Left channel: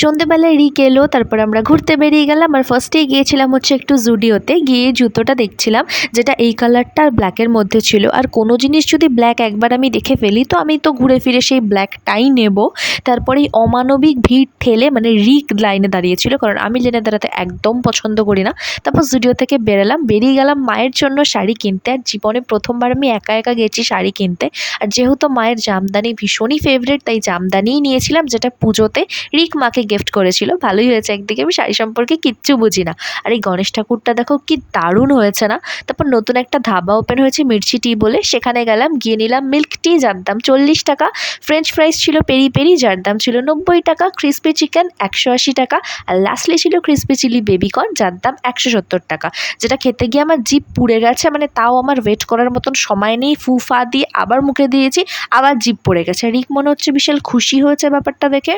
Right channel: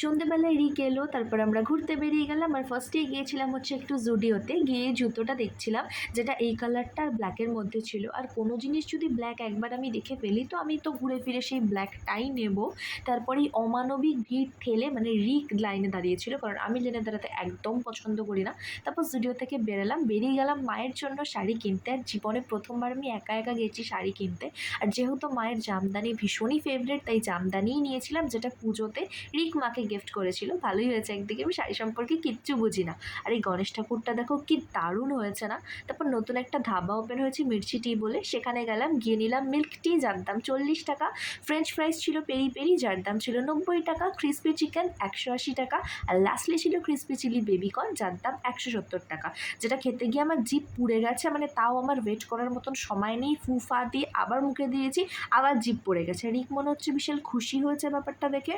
সন্ধেবেলায় রিক এলো, তারপর আমরা ঘুরতে বেরিয়ে গেলাম। আর ফার্স্টেই গিয়েছিলাম হচ্ছে একটু জুডিওতে, গিয়ে জুতোটা দেখছিলাম যেটা এই কালারটা আর ব্ল্যাকের মধ্যে ছিল। আর কোনো জিনিস যদি ব্ল্যাক একবার আমি দেখে ফেলি তো আমি তো ঘুরে ফিরে সেই ব্ল্যাকটাই নেব। তারপরে এই অমানবিক ভিড় ঠেলে মানে রিক লাইনে দাঁড়িয়েছিল, কারণ আমি লাইনে দাঁড়াতে একদম পছন্দ করি না। তারপর জুডিও থেকে বেরিয়ে গেলাম মায়ের জন্য শাড়ি কিনতে। আর জীবনে প্রথমবার আমি একা একা গেছি শাড়ি কিনতে। আর যেহেতু মায়ের জামদানি ভীষণই ফেভারিট, তাই জামদানিই নিয়েছিলাম, যেটা পুজোতে রিক মাকে গিফট করেছিল। ভালোই হয়েছে, একদিকে আমি শাড়ি সম্পর্কে কিচ্ছু বুঝি না। আর এই গণেশ ঠাকুরটা দেখো কি দারুণ হয়েছে না। তারপর নতুন একটা ধাবা ওপেন হয়েছে মির্চি টি বলে, সেখানে গেলাম, গিয়ে নিলাম মিল্ক টি, যার দাম 40 টাকা। ফ্রেঞ্চ ফ্রাইস ছিল পেরি পেরি, যার দাম ছিল 90 টাকা। ক্রিসপি চিকেন 180 টাকা। আর লাস্টলি ছিল ক্রিসপি চিলি বেবিকর্ন, যার দাম 170 টাকা। যেটা খেতে গিয়ে আমার জিভ পুড়ে গেছে, মানে তাও আমার ওয়েট করার মতন সময় নেই, ফুফা দিয়ে আবার মুখে দিয়েছি, আবার জিভ পড়ে গেছে। রিক মনে হচ্ছে বিশাল খুশি হয়েছে ব্যাপারটা দেখে।